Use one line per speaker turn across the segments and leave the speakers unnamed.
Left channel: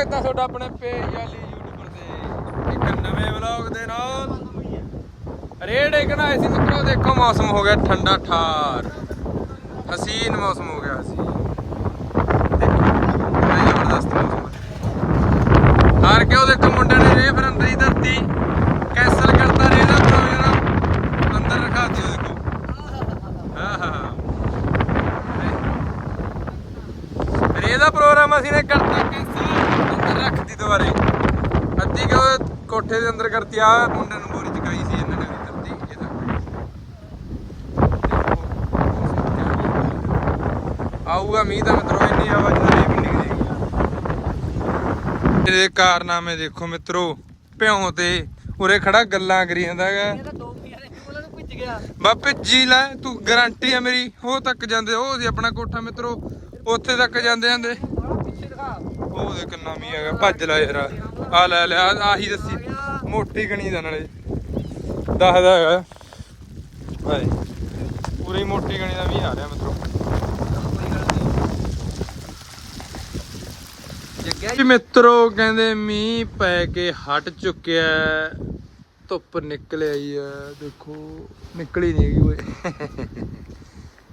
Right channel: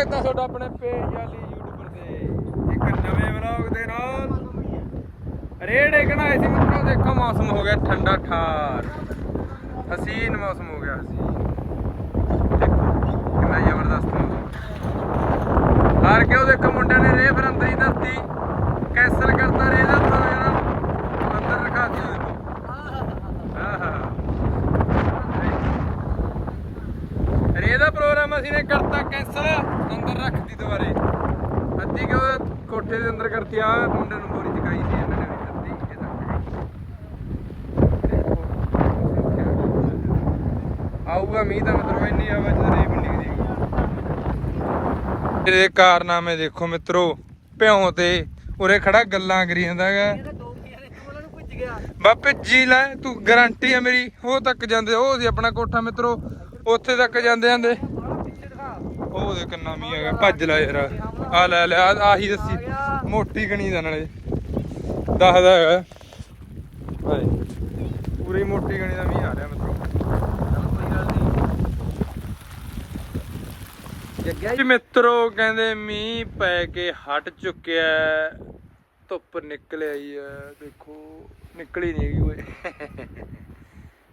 ਸਵਾਗਤ ਹੈ ਤੁਹਾਡਾ ਆਪਣੇ ਪੇਜ ਵਾਲੀ YouTube ਤੇ। ਇੱਕ ਨਵੇਂ ਵਲੌਗ ਦੇ ਨਾਲ। ਰੇਡ ਇਕਣਾ ਸੀ ਮਿੱਤਰੋ ਦੇਖੋ ਮੌਸਮ ਹੋ ਗਿਆ ਠੰਡਾ ਠਾਰ। ਹਸੀਨ ਮੌਸਮ ਹੋ ਗਿਆ ਦੇਖੋ ਕਿੰਨਾ ਜ਼ਬਰਦਸਤ ਹਾਰ ਕੇ ਉਹ ਦੇਖੋ ਮੁੰਡਿਆਂ ਨੇ ਰੇ ਫਿਰ ਅੰਦਰ ਹੀ ਧਰਤੀ। ਕੈਨਸਲ ਕਰਤਾ ਰੇ ਦਾ ਪ੍ਰੋਗਰਾਮ ਅੰਦਰ ਰਖਾ ਦਿਓ ਦੇਖੋ। ਹਾਂ ਹਾਂ ਹਾਂ। ਰੇ ਦਾ ਪ੍ਰੋਗਰਾਮ ਅਸੀਂ ਨੇ ਕਰਤਾ ਕੈਂਸਲ। ਰੱਖਤੀ ਦੁਬਾਰੇ। ਅੱਧੀ ਕਿ ਕੋਠੇ ਦੇ ਅੰਦਰ ਕਰਤੀ ਆ ਮੁੰਡੇ ਨੂੰ ਬੋਰੀ ਚਕਾਈ ਸੀ ਇਹਨਾਂ ਨੇ ਵੀ ਕਰਤੀ ਇਹਦਾ। ਆਊਗਾ ਮੀਂਹ ਤਾਂ ਮਿੱਤਰੋ ਇੰਨੀ ਆਵਾਜ਼ ਨਹੀਂ ਪਿੰਡੀ ਇਹਦੇ ਕਾਰਨਾਮੇ ਦੇਖੋ ਮਿੱਤਰੋ ਭਿਉਂ ਤੇ ਉਰੇ ਖੜਾ ਗੱਲਾਂ ਕਰੀ ਜਾਂਦਾ ਹੈਗਾ।
ਇਹ ਤਾਂ ਦੋ ਪਿਆਰੇ ਤੂੰ ਉਹਨਾਂ ਨੂੰ ਭਿੱਜ ਗਿਆ।
ਬਾ ਭਿੱਜੀ ਲੈ ਤੂੰ ਗਾਰੰਟੀ ਹੈ ਮੇਰੀ ਉਹ ਤੱਕ ਜਾਂਦੇ ਉਹ ਸੀ ਆਪਣਾ ਕੋਠਾ ਮਿੱਤਰੋ ਉੱਥੇ ਤੱਕ ਜਾਂਦੇ ਜਾਂਦੇ। ਉਹ ਦੇ ਕੰਨਾ ਹੈਗਾ ਭੱਜ ਲੈ ਯਾਰ। ਆ ਲੈ ਲੈ ਆਹ- ਆਹੀ ਦੱਸੀ। ਮੋਟੀ ਗਣੀ ਦਾ ਨਾਲੇ। ਦੱਸਦਾ ਹੈਗਾ। ਓਏ। ਪੂਰੀ ਮੋਟੀ ਗਣੀ ਦਾ ਵੀ ਆ ਰਿਹਾ ਮਿੱਤਰੋ। ਜੀ। ਕਹਿੰਦੇ ਮੀਂਹ ਪੈ ਕੇ ਹਟ ਚੁੱਕਿਆ ਹੈ। ਧੁੱਪ ਨਿਕਲ ਆਈ ਹੈ। ਦੇਖੋ ਨਿਕਲੀ ਨਹੀਂ ਗਈ ਓਏ।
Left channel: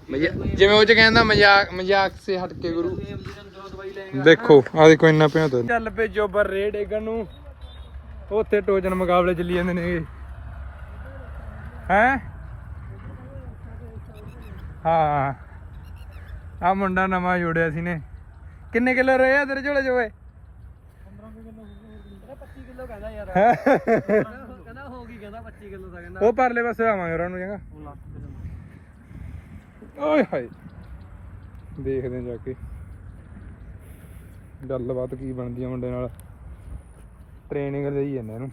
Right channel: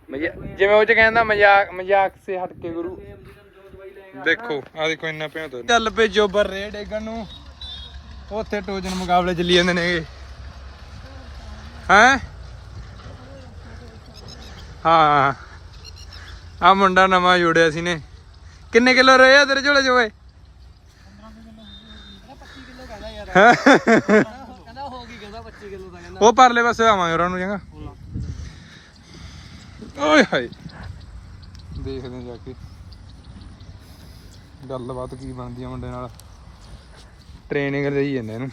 ਮਜ਼ਾ- ਜਿਵੇਂ ਉਹ ਚ ਕਹਿੰਦਾ ਮਜ਼ਾਕ ਮਜ਼ਾਕ ਸੇ ਹਟ ਕੇ ਗੁਰੂ। ਦੇਖੋ ਆ ਦੇਖੋ ਇੰਨਾ ਪਿਆ ਤੋ। ਚੱਲ ਪਏ ਜੋਬਰ ਰੇਡ ਡੇਗਣ ਨੂੰ। ਉੱਥੇ ਟੋਜਨ ਮੁਕਾਬਲੇ ਚੱਲੀ ਜਾਂਦੇ ਨੇਗੇ ਹੈ? ਹਾਂ ਆ ਮੁੰਡਾ ਨਵਾਂ ਜੋੜਿਆ ਸੀ ਨੇ। ਕਿੰਨੇ ਕਿਲੋ ਰਹੇ ਆ ਤੇਰੇ ਝੋਲੇ ਚ ਓਏ?
25 ਕਿਲੋ ਕਹਿੰਦਾ ਯਾਰ ਕਹਿੰਦਾ ਹੋ ਗਈ ਕਹਿੰਦਾ 25 ਕਿਲੋ ਦਾ ਕਹਿੰਦਾ
ਉਹ ਪਰਲੇ ਪਾਸੇ ਆਵਾਂਗੇ ਉਹਨਾਂ ਨੂੰ, ਚੰਗਾ। ਓਏ ਹਾਏ। ਦੇਖਦੇ ਹਾਂ ਜਾ ਕੇ। ਗੱਲਬਾਤ ਕੀ ਬਣਦੀ ਆ ਮੁੰਡੇ ਨਾਲ। ਟ੍ਰੇਨਿੰਗ ਦੇਈ ਜਾਂਦੇ ਇਹਨੂੰ।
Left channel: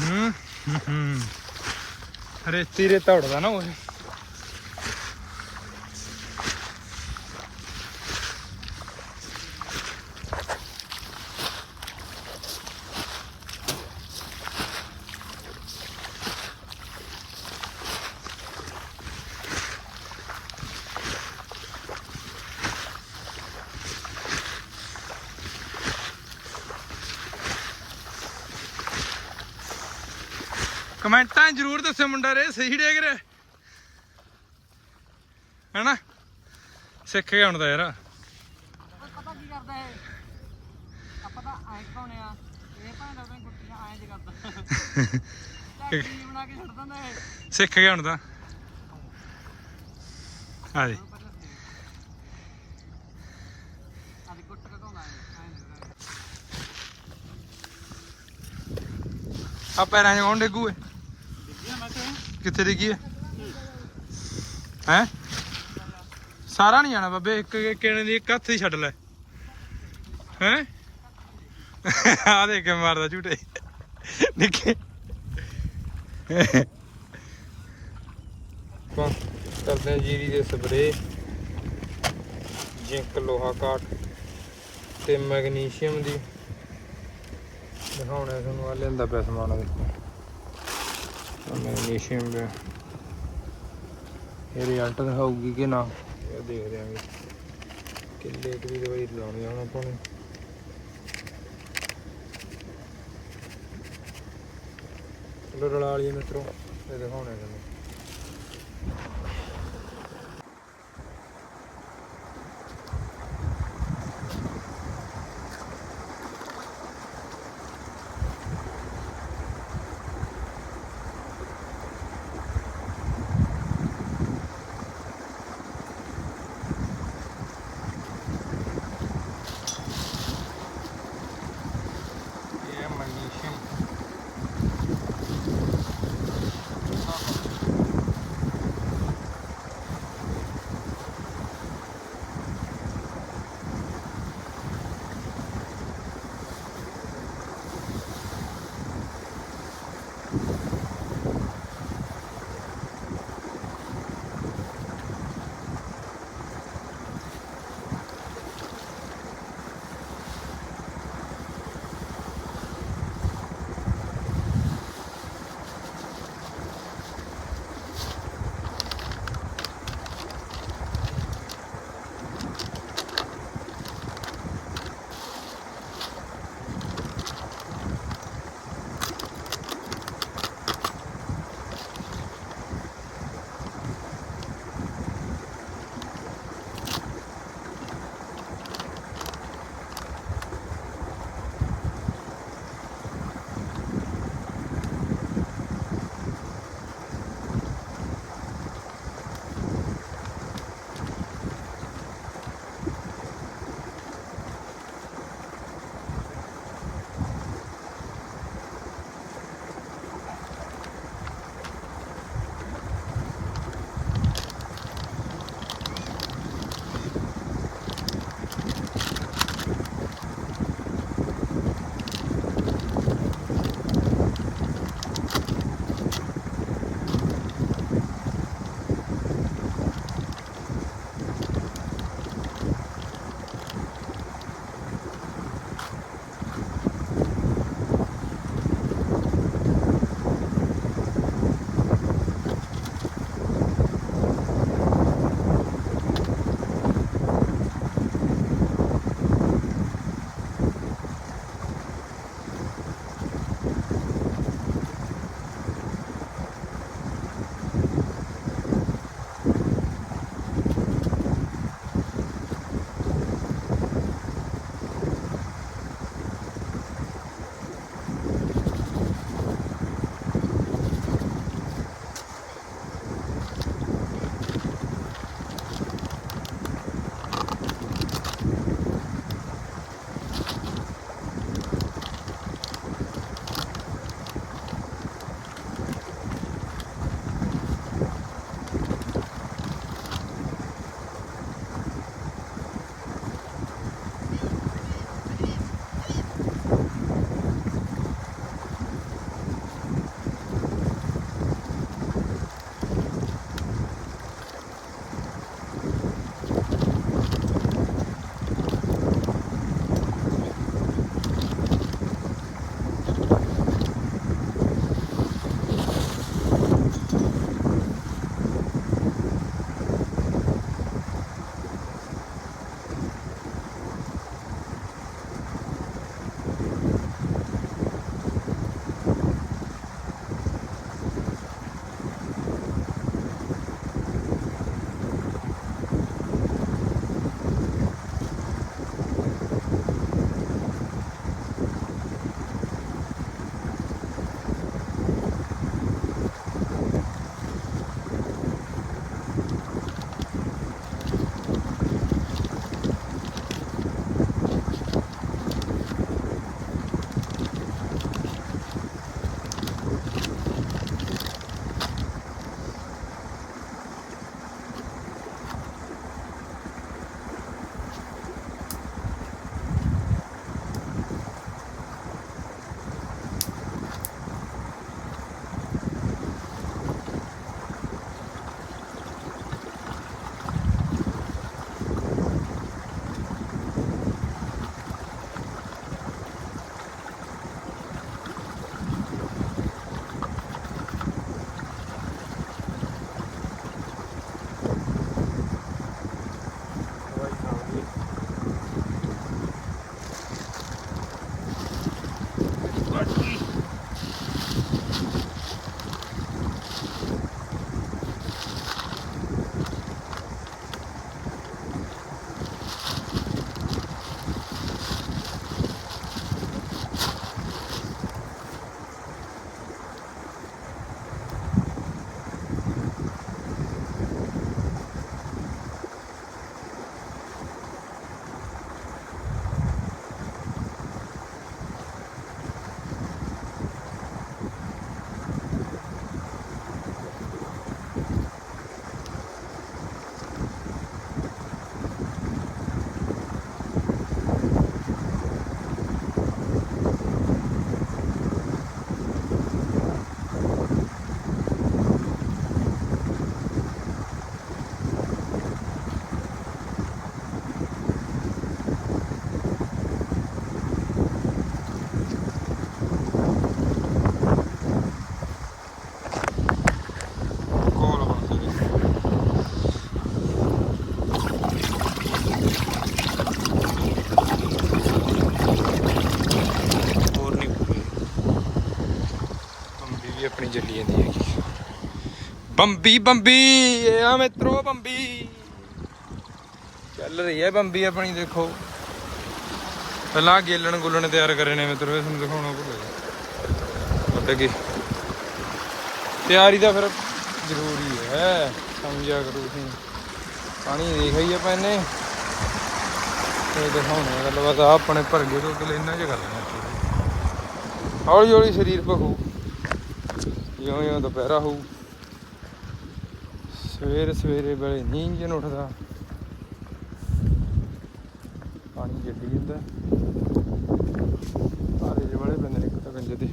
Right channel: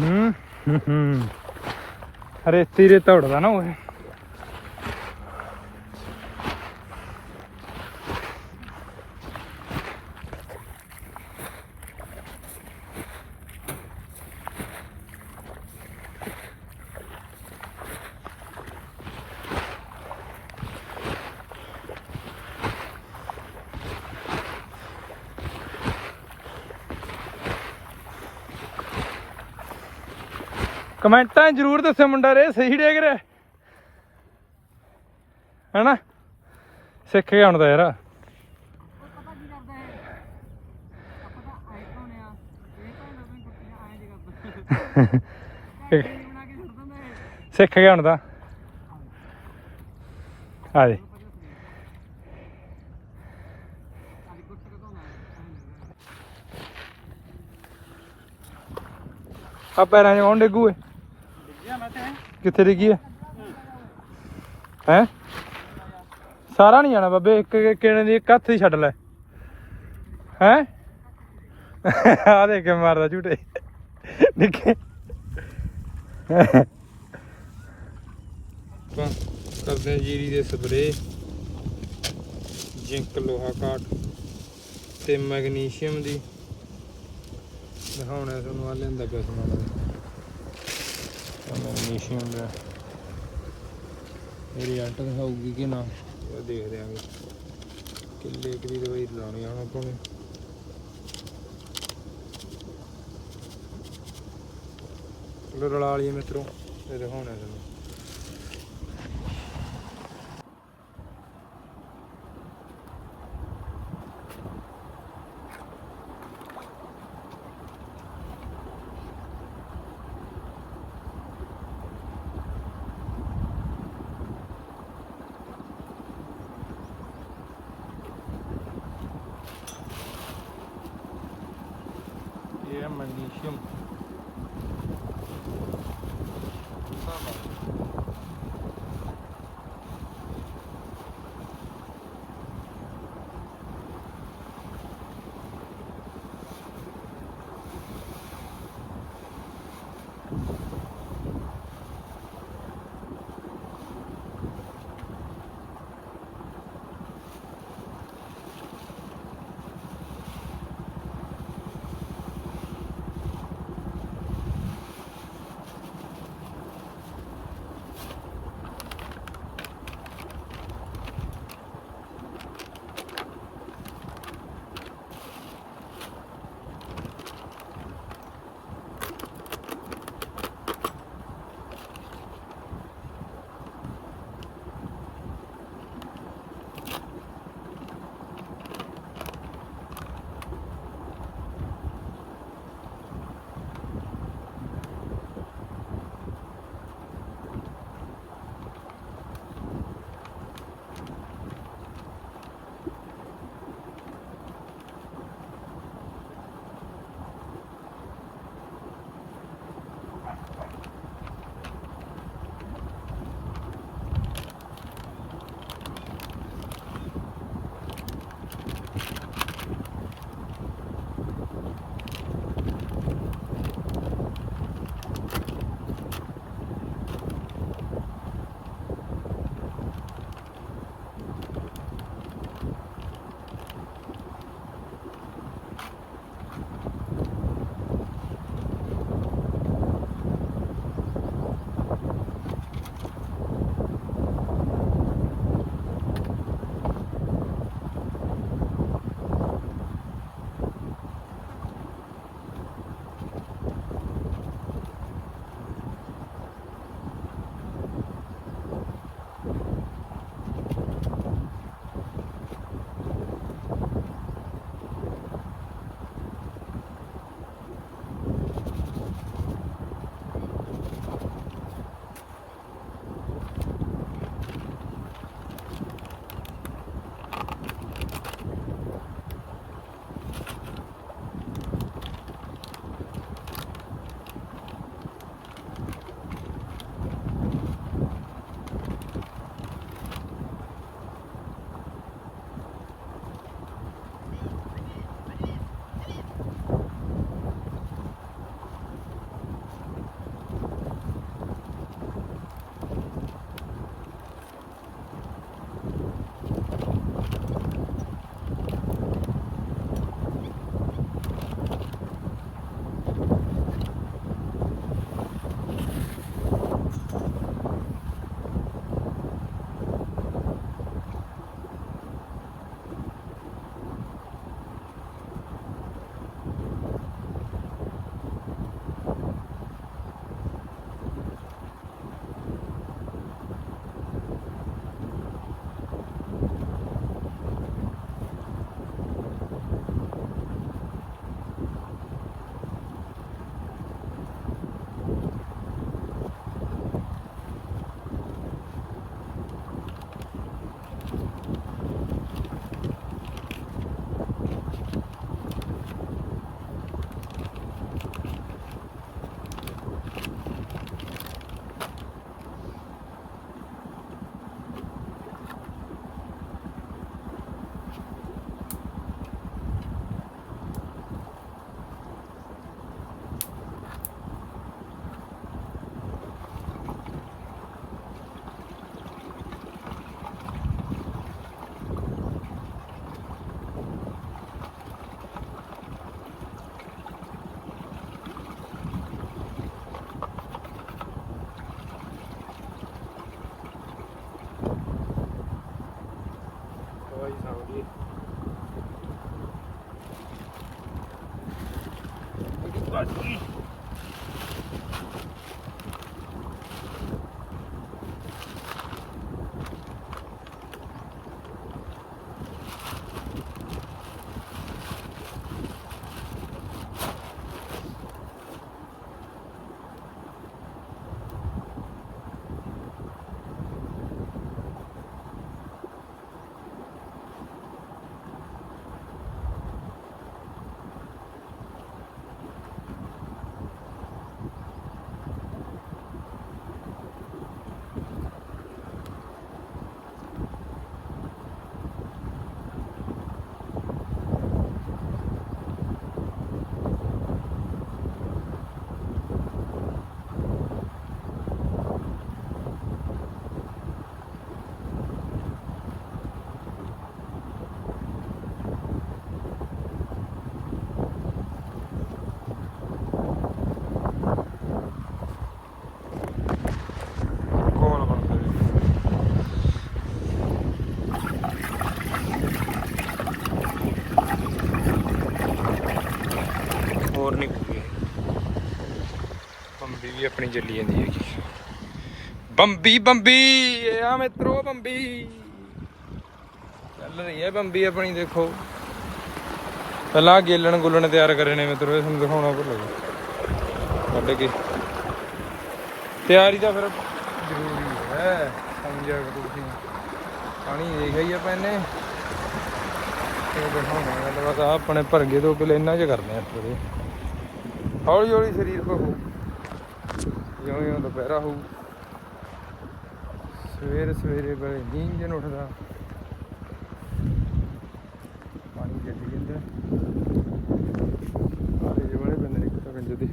ਹੂੰ? ਹੂੰ, ਰੇਤੀ ਰੇ ਤੋੜਦਾ ਨਾ ਉਹ ਕਮੈਂਟਾਂ ਜ਼ਰੂਰ ਦੱਸਿਓ ਮੁੰਡਾ ਰੇ ਸਹੀ ਡੇਗ ਰਿਹਾ। ਹੈਨਾ? ਸਿੱਖ ਗਿਆ ਹੁਣ ਤਾਂ ਯਾਰ। ਸਿੱਖ ਗਿਆ ਹੁਣ ਤਾਂ। ਆ ਦੇ ਆ ਪੈਰਾਂ 'ਚ ਕੌਣ ਡੇਗੂ ਏ ਕਿੱਥੇ ਡਿੱਗੀ ਏ ਹੈ? ਸਾਰਾ ਨਹੀਂ ਜਾਣਾ ਬਾਬੇ, ਇੱਕ ਕਿਣੇ ਦੀ ਇੱਕ ਹੱਥ ਹੀ ਛੱਡ ਲੈ। ਹੈ? ਆ ਦੇਖ ਕੇ ਮਾਰਦਾ ਝੂਟੇ। ਨਿੱਕੇ ਆਪਾਂ ਕਰਦੇ ਹਾਂ ਜੀਰੀ ਦੇ ਸਪਰੇ ਜ਼ਿੰਕ, ਲੋਹਾ ਕਾਟ ਤੇ ਮੈਗਨੀਸ਼ੀਅਮ ਦੀ। ਦਿਖਾਉਣਾ ਤੁਹਾਨੂੰ ਆ ਲੈਂਦਾ ਪਿਆ ਸਮਾਨ ਆ ਆ ਮੈਗਨੀਸ਼ੀਅਮ ਦਾ ਇਹ ਰਿਜ਼ਲਟ ਦਿਖਾਊਗੀ ਕਿ ਨਾ? ਇਹ ਦੇਖ ਕਿੱਲੇ ਕੁ ਦੀ ਦਵਾਈ ਲਾਉਣੀ ਆ ਹੁਣ ਆਪਾਂ ਨੂੰ। ਚਲੋ ਰਲਾ ਲਈਏ ਮਿੱਤਰੋ ਇਹ ਦਿਖਾਉਣਾ ਤੁਹਾਨੂੰ ਇਹ ਹੈ ਮੈਗਨੀਸ਼ੀਅਮ ਕੋਲ ਬਣਦੇ ਨੇ ਹੋਰ ਨਹੀਂ ਕੋਈ ਬੰਬੀ ਵੀ ਆਪਣੀ ਚੱਲੀ ਜਾਂਦੀ ਹੈ ਬੰਬੀ ਬੰਬੀ ਆ ਮਿੱਤਰੋ, ਬੰਬੀ। ਚੱਲ ਰਹੀ ਹੈ ਬੰਬੀ ਆਪਣੀ, ਦੇਖੋ। ਪਹਿਲਾਂ ਗੇਲਣ ਗੁੱਲਣ ਤਿਆਰ ਕਰੇ ਨੇ ਮਿੱਤਰੋ, ਇਹ ਤੁਹਾਨੂੰ ਦਿਖਾਉਣਾ ਭੁੱਲ ਗਿਆ। ਵੱਢ ਕੇ ਤਿਆਰੀ ਤਾਂ ਫਿਰ ਜ਼ਰੂਰੀ ਹੈ, ਸਮਝਿਆ ਕਰੋ ਤੁਸੀਂ। ਪਾਣੀ ਦੇਖ ਹੀ ਆਪਾਂ ਇਹਨੇ। ਇਹ ਦਿਖਾਉਣਾ ਗੱਲ ਆਪਣੇ ਭਰਗੇ ਤੋਂ ਪਹਿਲਾਂ ਇਹਨਾਂ 'ਚ ਕਰਦੇ ਆ ਥੋੜੇ ਹੌਲੀ ਹੌਲੀ ਸਰੀਰ ਪਹੂ ਜਿਉਂ ਜਿਉਂ ਦੁਪਹਿਰਾ ਹੋਊ, ਸਵੇਰ ਸਵੇਰੇ ਵੇਲੇ ਨੀਂਦ ਜਨ ਉੱਠਦਾ। ਪਾਣੀ ਜੱਗ ਜਾਂਦਾ। ਸਾਰੇ ਬੜੇ ਬੰਦੇ ਨੇ ਤਾਂ ਗੰਜੇ ਦੇ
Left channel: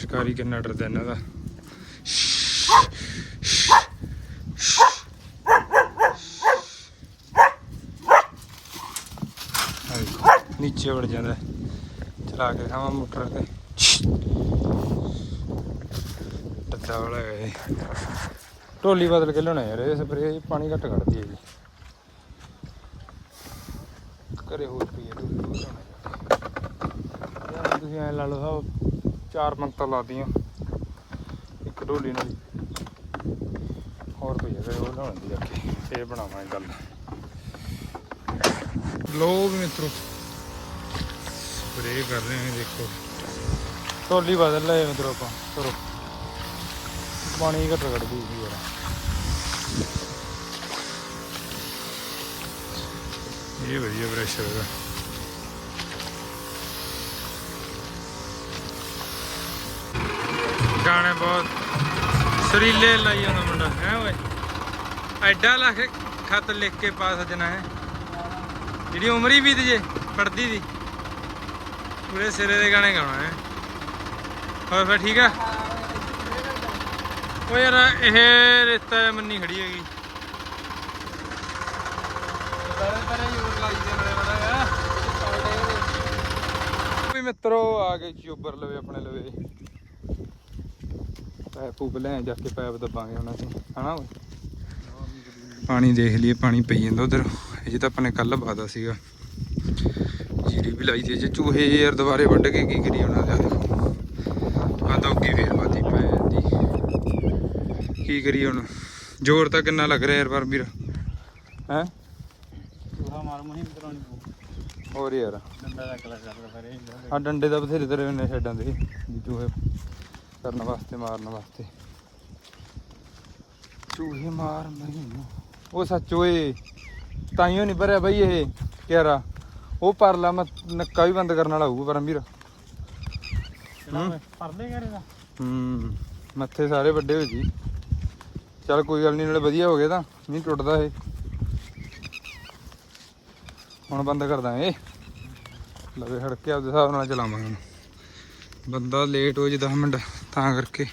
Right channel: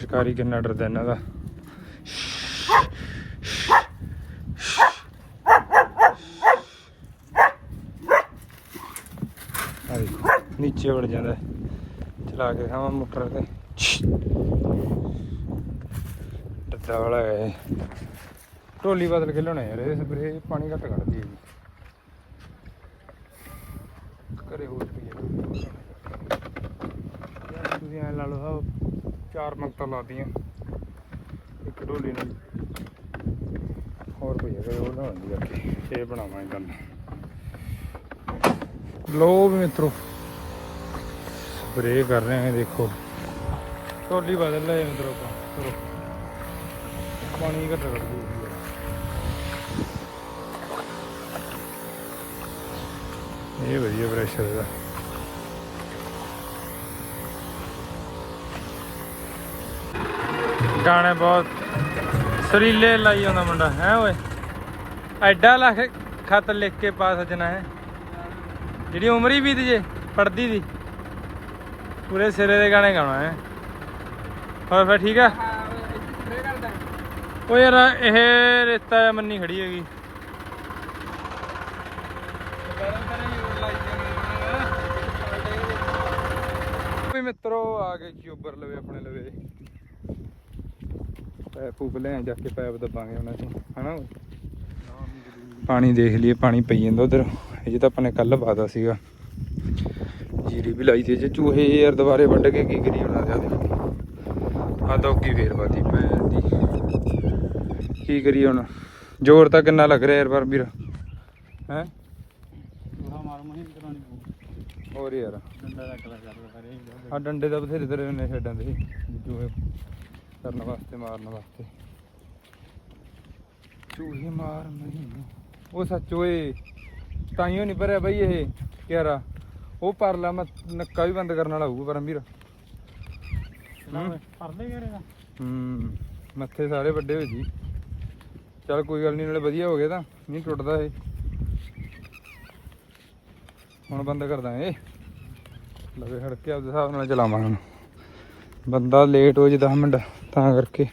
ਸ਼ਿਕਾਰੀ ਕਿੰਨਾ ਡਰਦਾ ਇਹਨਾਂ ਦਾ ਆ ਦੇਖੋ ਨੀਚੇ ਵੜ ਜਾਂਦਾ। ਚਲਾ ਕੇ ਖਾਵਾਂ ਮੋਟਰ ਤੇ। ਡੱਦਾ ਵਾਲਾ ਹੈ ਢੋਲੀ ਬਦਲ ਕੇ ਲਿਆਉਣਾ ਯਾਰ, ਇਹ ਸਪਰੇ ਪਾਣੀ ਘੱਟ ਕੱਢਦੀ ਹੈ ਜੀ। ਘਰੇ ਹੋਰ ਪਈ ਹੈ ਤੁਸੀਂ ਐ ਲਾ ਲਓ ਸਾਹਿਬ ਚਾਰ ਮੰਗਤਾਂ ਲਾਦੀਆਂ ਇੱਕ ਢੋਲੀ ਨੂੰ। ਹੋਰ ਪਈ ਹੈ ਉਹ ਲਾਉਣ ਦੀ ਜਾ ਕੇ ਫੇਰ ਬਣਾਵਾਂਗੇ ਗੱਲ। ਲੋ ਵੀ ਮਿੱਤਰੋ। ਸਪਰੇ ਕਰ ਰਹੇ ਹਾਂ ਦੇਖੋ। ਢੋਲੀ ਬਦਲ ਲਏ ਮਿੱਤਰੋ ਆਪਾਂ ਚਲੋ। ਪਾਣੀ ਘੱਟ ਕੱਢਦੀ ਸੀ ਯਾਰ ਇਹ ਵਧੀਆ ਪ੍ਰੈਸ਼ਰ ਇਹਦਾ। ਗਾਣੇ ਬਹੁਤ ਸਰੀਲੇ ਲਾਈ ਆਉਂਦਾ ਮੁੰਡਾ ਹੈ ਓਏ? ਐਡਾ ਲੱਖ ਖਤ ਲਿਖ ਕੇ ਪਾ ਸਜਣਾ ਹੈ। ਜਿਹੜੀ ਉਮਰ ਹੀ ਬੀਤ ਜੇ ਪੜਦੀ ਦੀ। ਪੂਰੇ ਸਿਰੇ ਦੇ ਗਾਣੇ ਗਾਉਣਾ ਹੈ। ਹੋਰ ਫਿਰ ਠੀਕ ਆ? ਉਹ ਯਾਰ ਇਹ ਰੇਤਾ ਜਾਂ ਮੰਨੀ ਖੜੀ ਹੈਗੀ। ਵੀ ਮਿੱਤਰੋ ਆ ਗਏ ਚੋਬਰ ਲਵੇ ਆਪਣੇ ਲਵੇ। ਪੈਪ ਪੂਪ ਲੈ ਜਾ ਕੇ ਪੈਪ ਦੱਬਾਂਗੇ ਹੁਣ ਅਸੀਂ ਹਨਾ ਪਾਣੀ ਦੇਖ ਲਈਏ ਪਾਣੀ ਪਈ ਜਾਂਦਾ ਉਧਰ। ਇਹ ਤਾਂ ਆਪਾਂ ਨੇ ਕੱਲ ਬਾਦਾ ਸੀਗਾ। ਜੀਰੀ ਵੀ ਲਾਈ ਤੇ ਜੇ ਚੂਹੇ ਯਾਰ ਦੁਬਾਰੇ ਵੱਢ ਕੇ ਕੀ ਕਰੀ ਉਹਨਾਂ ਦੇ ਦੇਖੋ ਆ ਦੋਗੀ ਫੇਰ ਬਾਤੀ ਪੈ ਜਾਂਦੀ ਕੀ ਕਰੀ ਹੁਣ? ਜ਼ੋਰ ਤਾਂ ਕਿੰਨਾ ਲੱਗ ਰਿਹਾ ਯਾਰ ਪਰ ਵੀਰ ਹੈ? ਹੋਰ ਯਾਰ। ਆ ਡੰਡੇ ਦਾ ਬਥੇਰੇ ਤੇਰੇ ਨੇ ਛੱਡਾਂ ਦੇ। ਚੂਹੇ ਕਰਨ ਵਾਸਤੇ, ਮਾਰਨ ਵਾਸਤੇ। ਚੂਹੇ ਮਾਰ ਮੈਨੂੰ ਉਹ ਸੱਚ ਓਏ ਤਾਈਓ ਨਹੀਂ ਭਰਿਆ ਬਈ ਇਹ ਕਿਹੜਾ ਉਹ ਪਰਲਾ ਮੈਂ ਨੱਕਾ ਵੀ ਬੰਦ ਕਰਨ ਵਾਲਾ ਹੋਊ ਪਰਮਵੀਰ ਹੂੰ।
ਪਰਦੇ ਕਰੇ ਦਾ?
ਹੂੰ ਮੱਥੇ ਸਾਰੇ ਵੱਡੇ ਹੋ ਜੀ ਚੱਲ ਕੋਈ ਗੱਲ ਨਹੀਂ ਨਾਲੇ ਵਧੀਆ ਹੋ ਗਿਆ ਤਾਂ ਨਹੀਂ ਟੁੱਟਦਾ ਇਹ। ਹੁਣ ਬੰਦ ਕਰ ਦਾਂਗੇ। ਲਵੇ ਹੜ ਕੇ ਆਪਦੇ ਹਿਸਾਬ ਨਾਲ ਚਲਾਵਾਂਗੇ। ਹੁਣ। ਬੰਦਾ ਲੇਟ ਹੋ ਜੇ 10 ਮਿੰਟ ਤਾਂ ਕਰਕੇ।